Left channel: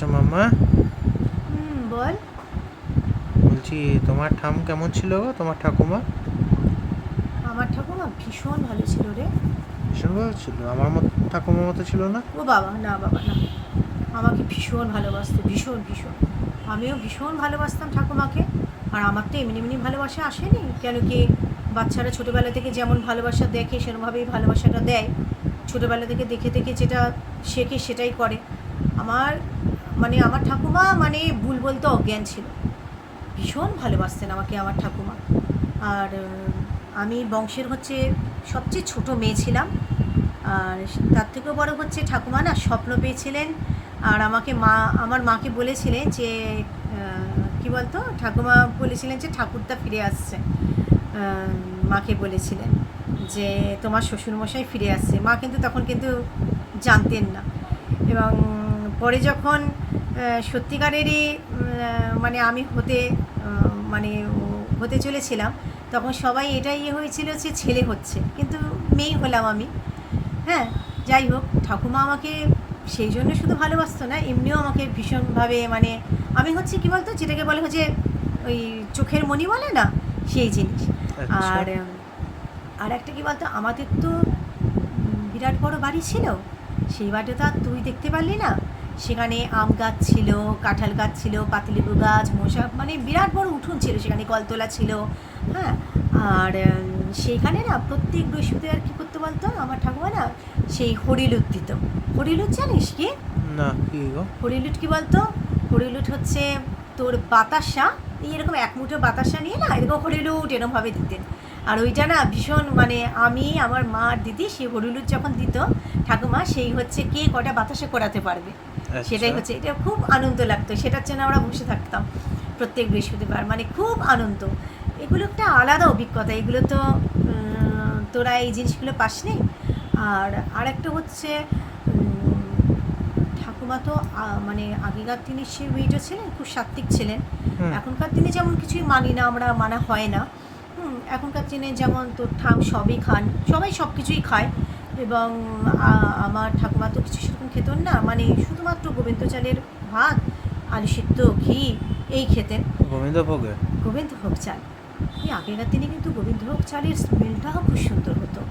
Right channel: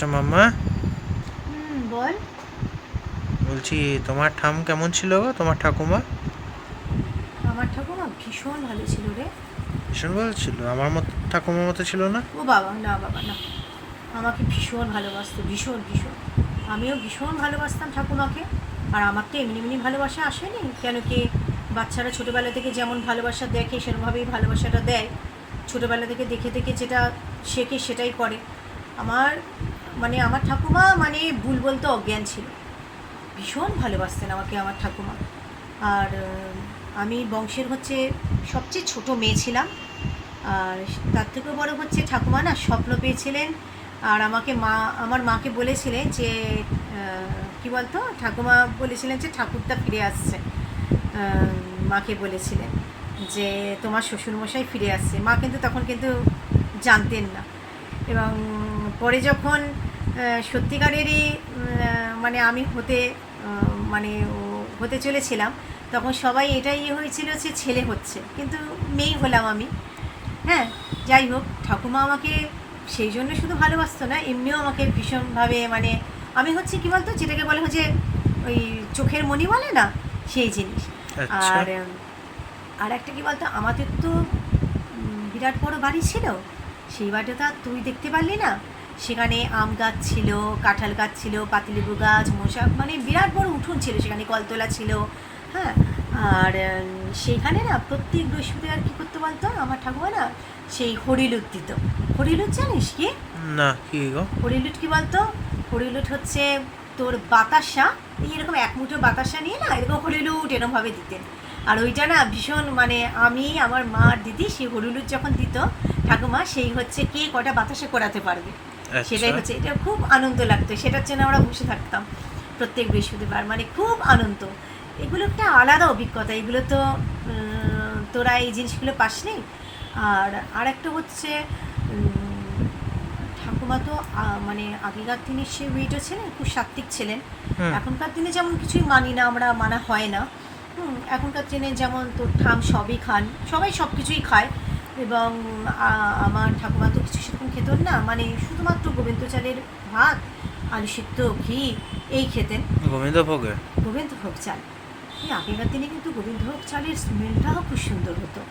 আচ্ছা মাম্মা, বল। বলছি তোমার কেমন ছিল গো, তোমার ঠাকুমা? আমার ঠাকুমা ভীষণ ভালো ছিল রে। ভীষণ ভালো ছিল, আমার মতো ঠাকুমার মতো ছিল না? ও বাবা, না বাবা না, আমাকে ভীষণ ভালোবাসতো, ভীষণ ভীষণ। আমিও ভীষণ ভালোবাসতাম ঠাকুমাকে। আর আমার তো এমনি এমনি ভালোবাসা আসেনি, কেন কি বাচ্চারা ছোটোবেলা থেকে যেমন ভালোবাসা দেখে সেরকমভাবেই ভালোবাসাটা দেয়। ছোটোবেলা থেকে দেখে দেখে যেটা শেখে সেটাই করে। আমার আমার ঠাকুমা ভুল বলতে অজ্ঞান ছিল। ভীষণ ভালোবাসতেন আমাকে আমার ঠাকুমা। আর আমি বংশের সবচেয়ে ছোট মেয়ে ছিলাম। আর তার থেকেও বড় ঠাকুমা না স্বপ্ন পেয়েছিলেন। আর আমার মাকে বলেছিলেন যে কী বলতো, ঠাকুমা বলেছিলেন যে ঠাকুরদা ফিরে আসছে। মাকে বলেছিলেন যে তোমার শ্বশুরমশাই ফিরে আসছে। মা কিন্তু তখন জানতেন না। এবং পরে যখন সত্যিকারেরই আমি হতে চলেছিলাম, তখন সবাই এটাই হয়েছিল যে ছেলে হচ্ছে, কিন্তু মেয়ে হলাম আমি। হ্যাঁ, যাই হোক, ঠাকুমা আমাকে সেই জন্য শুধু ভালোবাসতো না, এমনিও আমাকে ভীষণভাবে আমি কী বলতো, যেটাকে বলে ওই চোখের মণি বলে না, সেই জিনিস। আচ্ছা। আর আর একটা কী বলতো, আমাদের তো বিরাট বড় বাড়ি ছিল। সেই বাড়িটা তুই দেখতে পারলি না। সেখানে আম গাছ ছিল, কাঁঠাল গাছ ছিল, পাতিলেবু গাছ, মশা, বিরাট বড় উঠোন ছিল, সেখানে কলতলা ছিল। হ্যাঁ। আর সেইখানে না প্রত্যেক বৃহস্পতিবার কী করতে বলতো আমার ঠাকুমা না, সেই হরিলুট দিত। হরিলুট জানিস কি? না, কি গো? হরিলুট কী বলতো, হরিলুট হচ্ছে তোর বাতাসা, এরকম এক মুঠো বাতাসা নিয়ে না এরকম হরিলুট এরকমভাবে দিতেন। আর ওইটা না ভীষণ আমি, আমার মা আর দিদি সেই হরিলুট যখন দিত ঠাকুমা, সেই কে কটা বাতাসা করাতে পারবে, সেটাই আচ্ছা। এটা খুব আনন্দ লাগতো। সেটার জন্য আমরা বসে থাকতাম প্রত্যেক বৃহস্পতিবার, খুব আনন্দ। এগুলো একটা আলাদা অভিজ্ঞতা। এগুলো তো তোরা এই জিনিসগুলো পাসনি। আর আরেকটা ঠাকুমা তো আগেকার দিনে সে মেয়েটা ছিলেন, খুব সাত্ত্বিক ছিলেন। হুম। এখনকার দিনে যেমন কিছুই মানি না আমরা, মানা হয় না। এখনকার দিনে যেমন তোর সবই খান, সবাই সব কিছুই খায়। এবং আমার ঠাকুমা তো কিছু সেরকম খেতেন না, শুধুমাত্র গোবিন্দ চালের ভাত, আলু সিদ্ধ, ঘি, এই খেতেন। গোবিন্দভোগে? গোবিন্দভোগ চাল। এই আগেকার দিনে কিন্তু গোবিন্দভোগ চালের স্মেলটাও খুব সুন্দর হতো।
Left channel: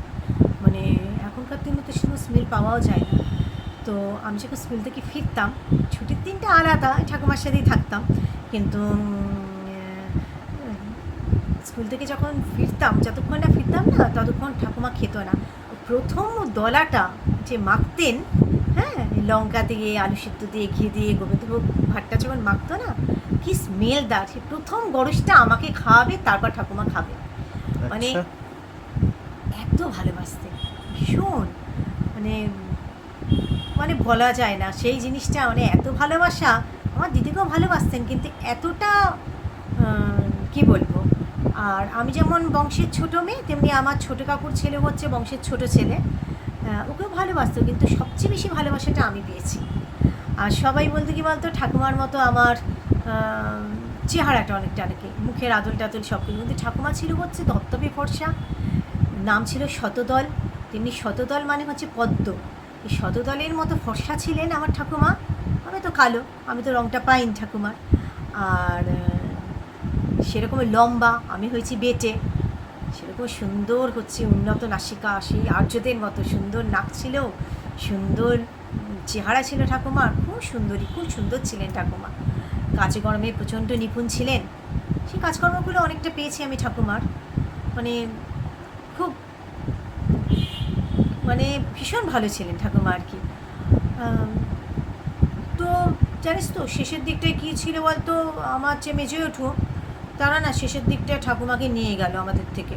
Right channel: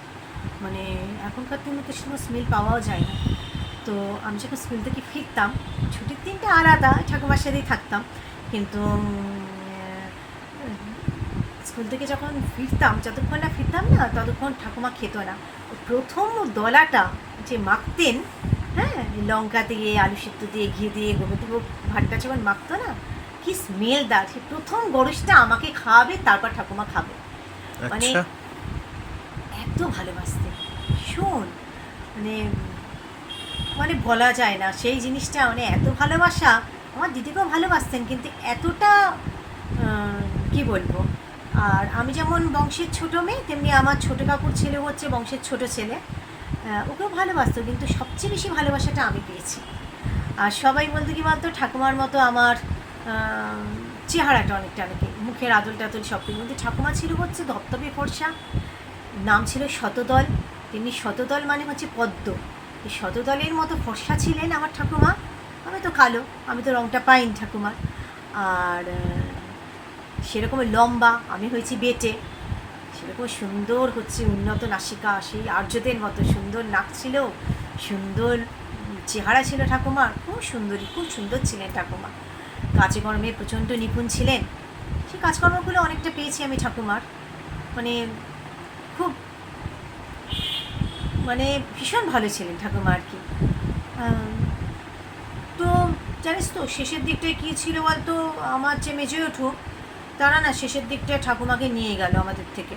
এখনকার দিনে তো সেরকম স্মেল পাওয়াও যায় না। তো আমি যখন স্কুল থেকে ফিরতাম, ছুটির দিনটা আলাদা, ঠাকুমার সাথেই থাকতাম। কিন্তু স্কুল থেকে যখন ফিরতাম, যতক্ষণ না ফিরতাম না ততক্ষণ ঠাকুমা খেত না। প্রথম দলাটা যে মাখতেন, হ্যাঁ, লঙ্কা দিয়ে, আলু সিদ্ধ দিয়ে, ঘি দিয়ে, গোবিন্দভোগ ভাতটা যখন মাখতো না, কি স্মেলদার! সে প্রথম গরজটা আমাকে খাওয়াবে, তারপর ঠাকুমা খাবে। মানে আচ্ছা। এত ভালোবাসতেন, ভীষণ। মানে বলা যায় না সেই জিনিসটা, এত ভালোবাসা। আমার দিদিকেও ভালোবাসতেন, কিন্তু এতটা কি বলবো। আর আমি যেমন বংশের ছোটো মেয়ে, তেমনি আমার ছোটো কাকুর ছেলে বংশের ছোটো ছেলে। ওকেও ভালোবাসতো, কিন্তু সবচেয়ে বেশি ভালোবাসাটা আমি পেয়েছি। আর সবাই বলতে কি বলতো, ঠাকুমার মতো আমার চেহারাটা অনেকে মুখের আদল টাদল সব কিছু, কিন্তু ঠাকুমা ছিল ধপধপে ফর্সা। নাম ছিল শতদল। তেমনি শতদল পদ্ম। এই শতদলের মতো ফর্সা ছিলেন আমার ঠাকুমা। আমি তো কালো, আমি তো রঙটা পাইনি ঠাকুমার। আর সেরকম লম্বা, আমি হয়েছি বেটে। সেরকম সুন্দর উন্নত নাসিকা, সেই আর্যদের মতো সুন্দর নাক ছিল, সুন্দর চেহারা ছিল ঠাকুমার, খুব সুন্দরী, খুব সুন্দর ছিলেন ঠাকুমা। কাজে কর্মে প্রচণ্ড নিপুণ ছিলেন। সেই কাজকর্মগুলো অনেকটা পেয়েছি আমি ঠাকুমার। মানে খুব ভীষণ ভালো ছিলেন ঠাকুমা আর কি। তো জানিস তো শেষের দিকটায় কী ছিল বলতো, আমার যে মেজে ওঠো, তারা না শেষের দিকটায় ঠাকুমাকে নিয়ে গেল আমাদের থেকে।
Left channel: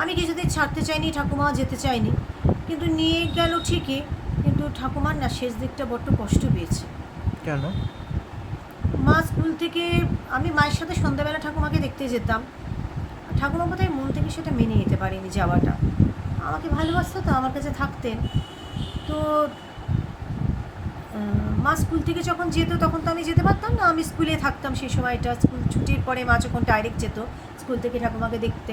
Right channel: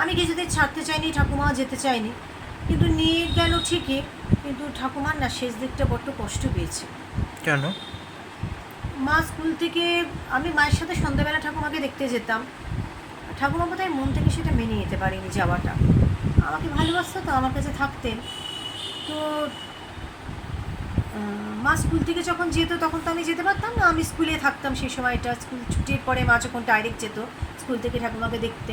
আমি কিছুতেই ছাড়তে চাইনি, ঠাকুমাও যেতে চাইনি, কিন্তু নিয়ে গেল ঠিকই। কিন্তু ঠাকুমার না শেষ দিকটা বড্ড কষ্ট পেয়েছে। কেন? মা স্কুল থেকে, আমি মায়ের সাথে সন্ধ্যাবেলা ঠাকুমাকে দেখতে যেতাম। ঠাকুমা বোধহয় মন থেকে সেটা মেনে নিতে পারিনি যাওয়াটা। আমাকে ভালোবাসতো তো, আমার কাছে থাকতেন। তো মা স্কুল থেকে যখন যেত তখন তো আমি যেতে পারতাম না, আমি স্কুলে থাকতাম সেই সময়টা। স্কুল ছুটির পরে মা যখন ডাইরেক্ট যেত স্কুল থেকে ঠাকুমাকে দেখতে,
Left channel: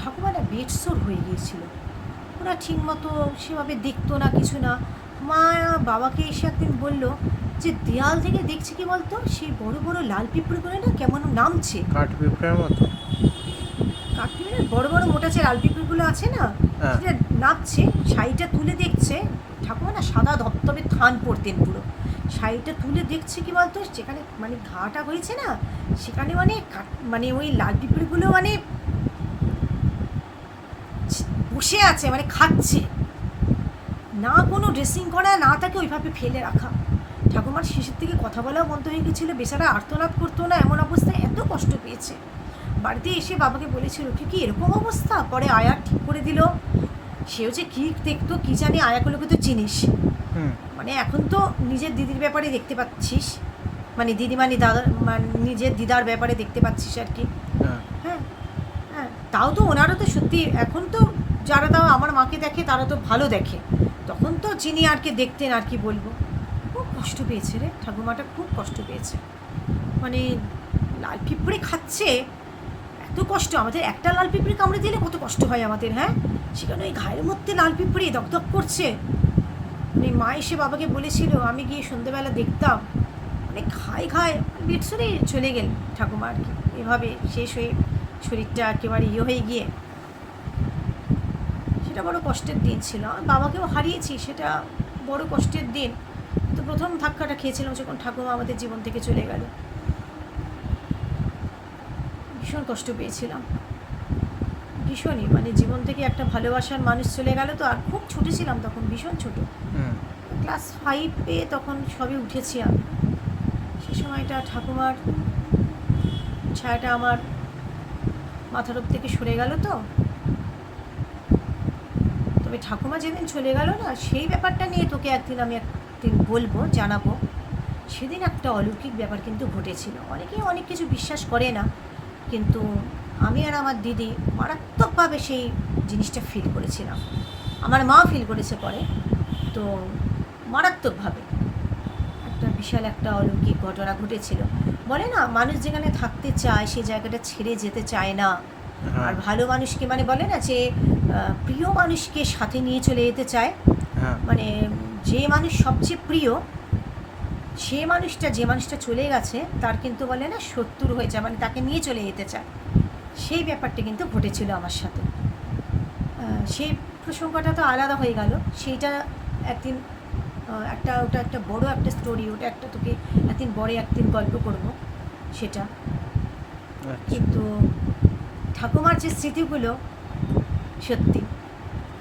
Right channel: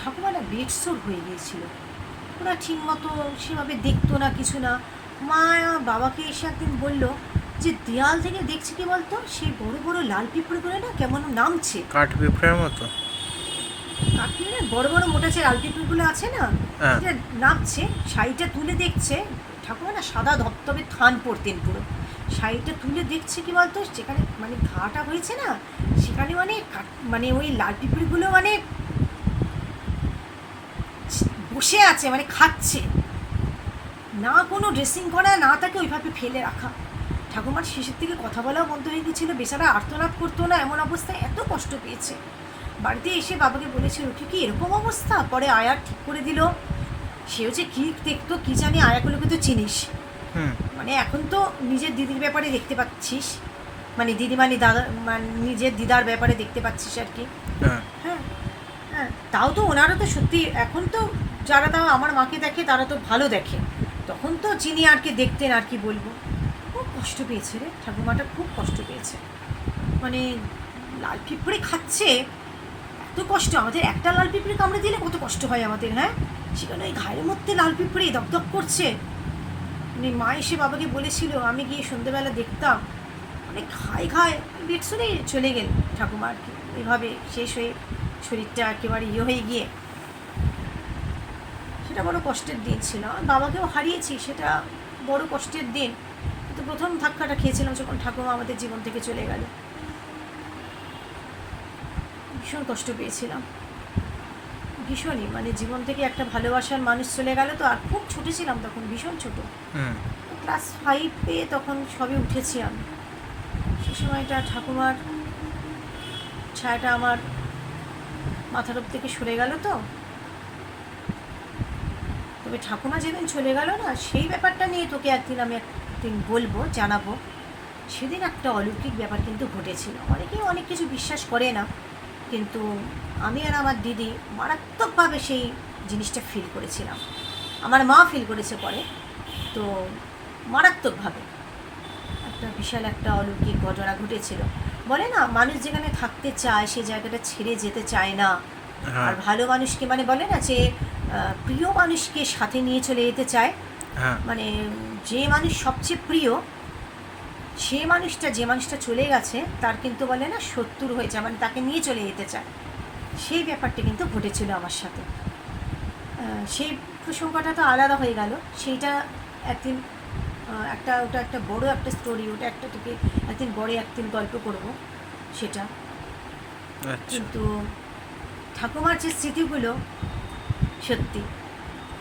ঠাকুমা না বেডসোর হয়ে গিয়েছিল। ওরা ঠিক মতো সেভাবে দেখতো না, কিছু না। মা বাবাকে এসে একদিন বলল যে দেয়াল থেকে দেখছি কি বলতো সেই বড় বড় লাল পিঁপড়েগুলো না কেমন নামছে। কাঠ পিঁপড়ের মতো। কাশ্মীরে বড় বড় মোটা যে লাল পিঁপড়েগুলো আছে না, হ্যাঁ। সেটা নামছে। শাড়িটা তুলে দেখছে, ঠাকুমা না সাদা ধবধবে থান পরতেন পুরো। শাড়িটা তুলে দেখছে কি বলতো যেখানে মানে ঘাটা হয়েছে না, সেখানে মানে মানে ওই লাল পিঁপড়েগুলো মানে বসে আছে, মানে খাচ্ছে না, কোনো ড্রেসিং করা না, তাকে ওইভাবে ফেলে রাখা। ঠাকুমার শেষের থেকে কথা বলাও বন্ধ হয়ে গেছিল, বেচারা আর্তনাদ করতো না, এমন অবস্থায় এত কষ্ট পেয়েছে। বাড়িতে এসে বাবাকে বলেছিল কি এরকম অবস্থা, পরে আয়া ঠিক করে দিল। সেও যে কী দেখতো কী জানি, আয়াগুলোকে তো চিনিস, হুম। মানে এখন তো নিজের দিদির ব্যাপারে দেখতে পাচ্ছিস, মানে দিদি মানে দাদা, মানে নিজের দিদার ব্যাপারে দেখতে পাচ্ছিস আর কি। হ্যাঁ। হ্যাঁ, হ্যাঁ, তাও তো ওনারও তো সত্যি এখন তো যারা তাও আমার মাকে দেখে তারা তো ভালো দেখে, তখন তো চিনি আর কি দেখতেন, আর কি বলবো। খুব কষ্ট পেয়েছে রে ঠাকুমাটা, খুব কষ্ট পেয়েছে। মানে লাল পিঁপড়ে খাচ্ছে, এত কষ্ট। আমাদের একটা লাল পিঁপড়ে কামড়ে দিলে কত কষ্ট হয় আমাদের, হ্যাঁ, সেখানে ওই ঘায়ের মধ্যে লাল পিঁপড়ে দপদপ করছে। মানে মা এসে বাবাকে বলেছিল, আমি গিয়ে সন্ধ্যেবেলা দেখতাম মানে ঘায়ে ঘায়ে বেডসরে চলে গেল ঠাকুমা আর কি, এভাবে শেষ হয়ে শরীরটা একেবারে হয়ে গিয়ে। সেটা বড় কষ্টের দিন ছিল, আমি বাবাকেও হারিয়েছি, সেটা বড় কষ্টের দিন। কিন্তু প্রথম ধাক্কাটা খেয়েছিলাম যখন ঠাকুমা আমাদের জীবন থেকে চলে গেল, ভীষণ কষ্ট পেয়েছিলাম, ভীষণই। মানে জীবন থেকে একটা ভালোবাসার মানুষ চলে গেল তো, আর খুব ছোটো ছিলাম তখন, ভীষণ ছোটো, হুম। ক্লাস 5-এ তখন সবে উঠেছি আমি। সে সময়টা ঠাকুমার ছায়াটা আমার মাথার উপর থেকে সরে গেল তো। তবে ঠাকুমা যেদিন চলে গেল না, সেই ব্যাপারটা নিয়ে তোকে একদিন বলবো, জানাবো। সেদিন একটা অলৌকিক ব্যাপার কিন্তু ঘটেছিল। অনেকেই অনেক কিছু বিশ্বাস করে না, কিন্তু আমি আর আমার দিদি মারাত্মকভাবে সেই জিনিসটা ফিল করেছিলাম। আমার মা ফিল করেছে পরে, তো মারাত্মকভাবে একটা বিশাল একটা অলৌকিক ঘটনা ঘটেছিল। বলে না, মানুষ যেখানে থাকতে চায় সেই জায়গাটা ছেড়ে যেতে চায় না। হ্যাঁ। আর ভালো মানুষকে, মানে বলে না যে প্রিয় মানুষকে সাথে নিয়ে চলে যেতে চায়। হ্যাঁ। মানে যে মানুষ সবচেয়ে প্রিয়, যে মানুষটা চলে গেছে তার কিন্তু বলে না শত্রু হয়ে যায়, মানে তাকে নিয়ে চলে যেতে চায়। সেই ব্যাপারটা কিন্তু ঘটেছিল আমার সাথে। সেই প্রসঙ্গটা তো আলাদা হয়ে গেল, সেইটা একদিন ওটা একটা বড় একটা স্টোরি, ওটা একটা তোকে একদিন গল্প করব সেটা। আচ্ছা। কিন্তু ঠাকুমার যে স্মৃতিগুলো সত্যি,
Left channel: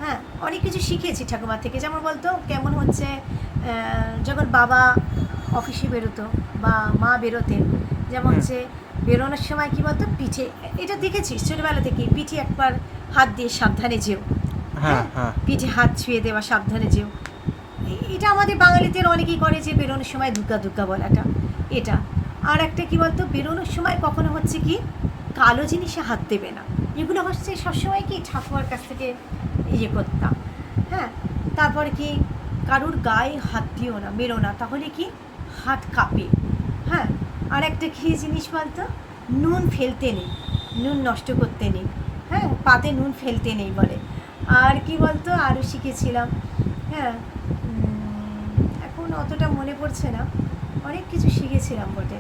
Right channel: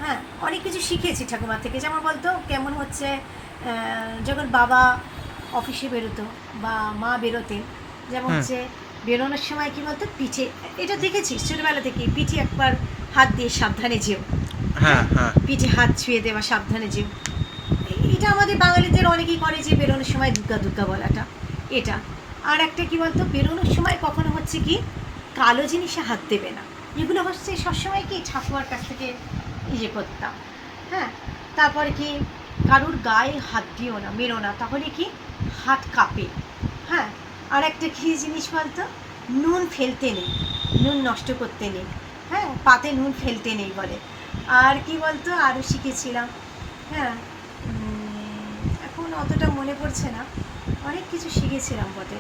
হ্যাঁ, অনেক কিছু শিখেছি ঠাকুমার থেকে। যেমন বলতো কেমন হচ্ছে, যখন বাবা অফিসে বেরোতো বা মা বেরোতেন, যেমন হচ্ছে বেরোনোর সময় কী বলতো, পিঠে, এটা দেখেছিস ছোটোবেলা থেকে, পিঠে একবার হাত দিয়ে সাবধানে যেও। হ্যাঁ। হ্যাঁ। পিঠে হাত ছুঁয়ে দেওয়া, সাবধানে যেও। এটা আমাদের বাঙালিদের অনেকেই করে, যে বেরোনোর সময় দুর্গা দুর্গা বলাটা, এটা। আর একটা কী বলতো, বেরোনোর সময় কখনো হচ্ছে কি কালো জিনিসে হাত দেবে না, এগুলো হচ্ছে সবসময় কি ঠাকুমার কাছ থেকে করতাম। হ্যাঁ, তারপরে কি কারুর গায়ে হাত দিও না, বেরো না, তাহলে কি হাত কাঁপে। হ্যাঁ, আর একটা কী জিনিস বলতো, নুন ফেলতে নেই, নুন নষ্ট করতে নেই। হ্যাঁ, পাতে নুন ফেলতে নেই বলে। আর কি বলতো আরও শিখেছিলাম, হ্যাঁ, এখন অতটা মনে পড়ছে না, অনেক কিছু শিখেছিলাম বটে।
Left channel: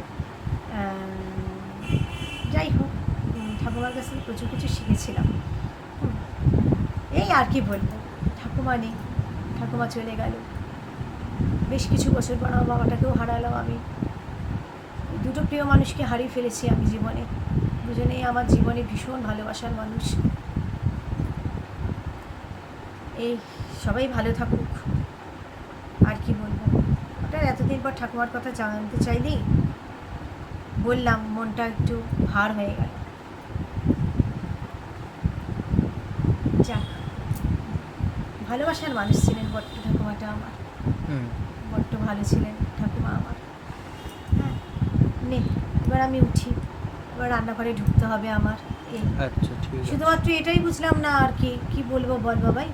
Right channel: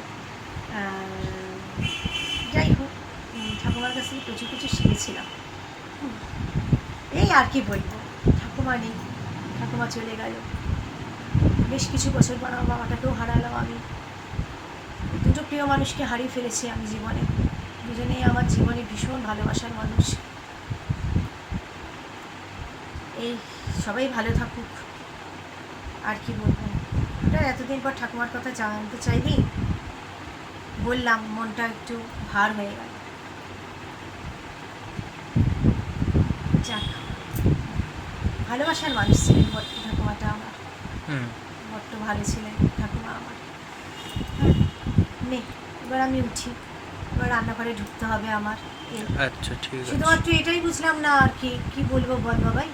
যাই হোক, ঠাকুমার কাছ থেকে প্রচুর কিছু শিখেছিলাম। এই আর কি বলবো, ঠাকুমা নেই, ঠাকুমা চলে গেল, বেশ কিছু বছর পর আমার বাবাটাকেও হারালাম আমি। দুটো প্রিয় মানুষকে হারিয়ে ফেলেছি আমি জীবনে, দুজনেই আমার জীবনে ভীষণ ভালোবাসার মানুষ। এই সবাই ভালো থাকুক, আর কি বলবো। ওটা এতদিন পর ঠাকুমার কথা জানতে চাইলি, বললাম, মনটা একটু ভার হয়ে গেল। যাক, ভালোবাসার মানুষ ছিলেন বড্ড ঠাকুমাটা আমার, বড্ড ভালো ছিলেন ঠাকুমা আমার। হ্যাঁ, নে এবার আমি উঠি, এবার রান্নাঘরে ঢুকতে হবে আমার। আচ্ছা, ঠিক আছে। শুধুমাত্র এটাই বুঝলাম না আর কি, কী বলবো বল বাবাই,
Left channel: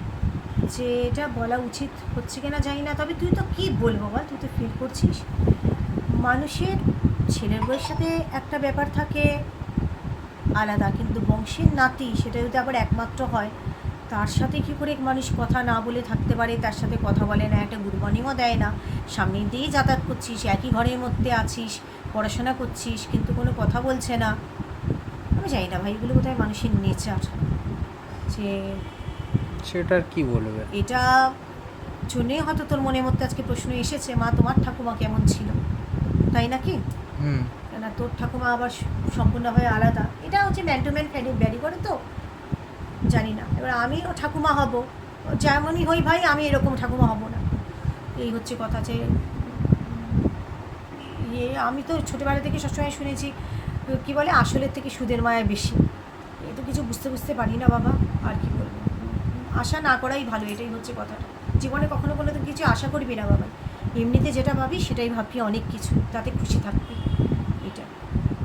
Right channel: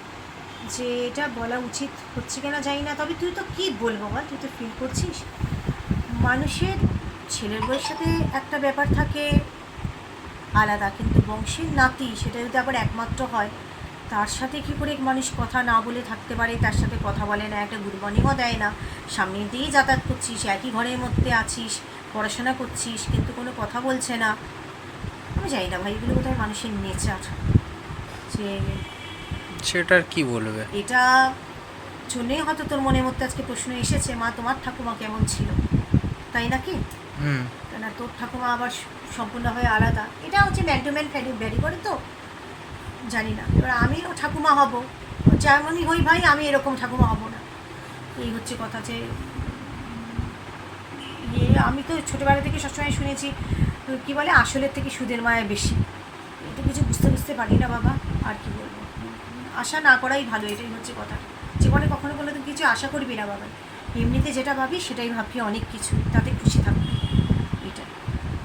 যে এটা বলা উচিত হচ্ছে কিনা জানি না, তবে তুই তো কী বলবো বল, তুই তো ফিল করছিস। মানুষের ছেলের বউয়ের সাথে একটা ব্যাপার থাকে আলাদা, কিন্তু বংশের নাতি সেটা যদি আবার একমাত্র হয়, তার সাথে কী করে মানুষ কথা না বলে থাকতে পারে? তার সাথে কথা বলে না, একটা গুড মর্নিংও দেয় না, সামনে দিয়েই যাতায়াত করছিস, একই ঘরের মধ্যে আছিস, পড়াশোনা করছিস, কিন্তু কোনো কথা বলছে না। আমি জানি না ভাই, এগুলো বোধহয় মানুষের নেচার, যে সেটা আর কি বলবে। এটা জন্যই হয়তো তোর মনের মধ্যে আজকে প্রশ্ন এসেছে, মা তোমার ঠাকুমা কেমন ছিল, তাই নাকি? হুম। কেন তোর ঠাকুমা আবার সম্পূর্ণভাবে আলাদা, এটা হচ্ছে ম্যান টু ম্যান ভ্যারি করে, তো জানি না। এবার আমিও ঠাকুমা হব, যেমনই হই ভাই, আমি এরকম ঠাকুমা হব না, এই হচ্ছে কথা। যে আমি তো ছোটোবেলা থেকে সবসময় শুনেছি, কী বলে, আসলের থেকে সুদের মায়া বেশি। এটা কিছু বুঝতে পারি না বাবা, আর কি বলবো, আশা না করাই ভালো, এটাই হচ্ছে কথা। জীবনে কখনো কোনো দিন কিছু আশা করবি না বাবা, এমনিতে যেটা ভাবি সেটাই ভাববি, অনেক কিছু, তাতে খুশি থাকবি। এটা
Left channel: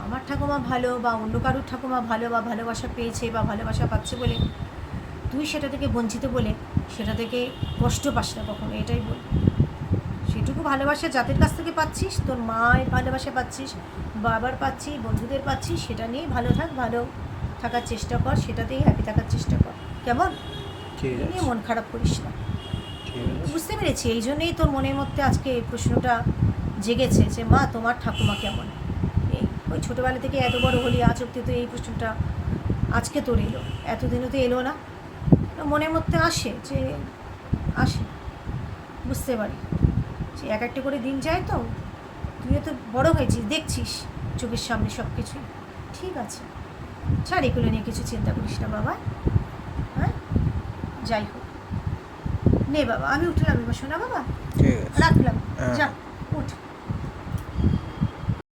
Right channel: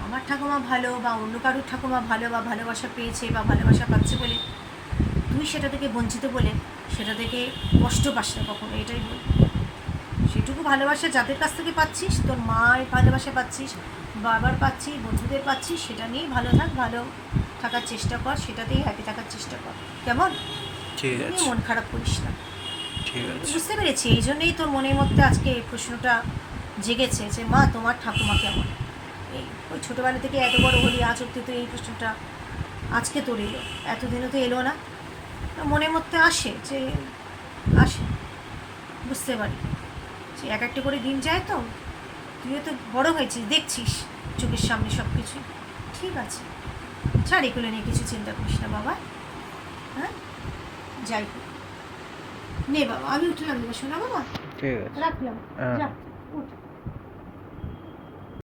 আমার ঠাকুমা ভালো বা অন্য কারোর ঠাকুমা ভালো বা ভালোবাসা পেয়েছে বা ভালোবাসা পাচ্ছে বলে তুই সেটা থেকে বঞ্চিত বলে সেটা থেকে কষ্ট পাস না কখনো, এটাই বল। সেটুকু ভালোবাসা যাদের কাছ থেকে পাচ্ছিস, তোর মায়ের ভালোবাসা পাচ্ছিস, বাবার পাচ্ছিস, বন্ধুদের পাচ্ছিস, সেটা নিয়েই ভালো থাক, ভালো থাকার চেষ্টা কর, সেটাতেই হ্যাপি থাকার চেষ্টা কর, কেমন? ঠিক নিয়ে আছে, মন খারাপ করিস না। ঠিক আছে। বুঝতে পেরেছি, এই জন্যেই তোর মনের মধ্যে আজকে এই প্রশ্নটা জেগেছে যে মা তোমার ঠাকুমা কেমন। এই ওই ছোটোবেলা থেকে এত বড় হলি, আজ অব্দি তো এই প্রশ্নটা আজকে তোর এলো, এতদিনও তো এলো না। মনের মধ্যে আসে, যে আসে, বুঝতে পারি যে এক একটা করে দিন যায়, তো তুইও তো বড় হয়েছিস, দেখছিস চোখের সামনে সব কিছু। ঠিক আছে, ছাড়, এগুলো নিয়ে কিছু চিন্তা করিস না বাবা। হ্যাঁ, যাই হোক, নে বাবা, আমি উঠলাম, শোনা বাবা, ঠিক আছে। রাখলাম, হ্যাঁ। যা উঠ।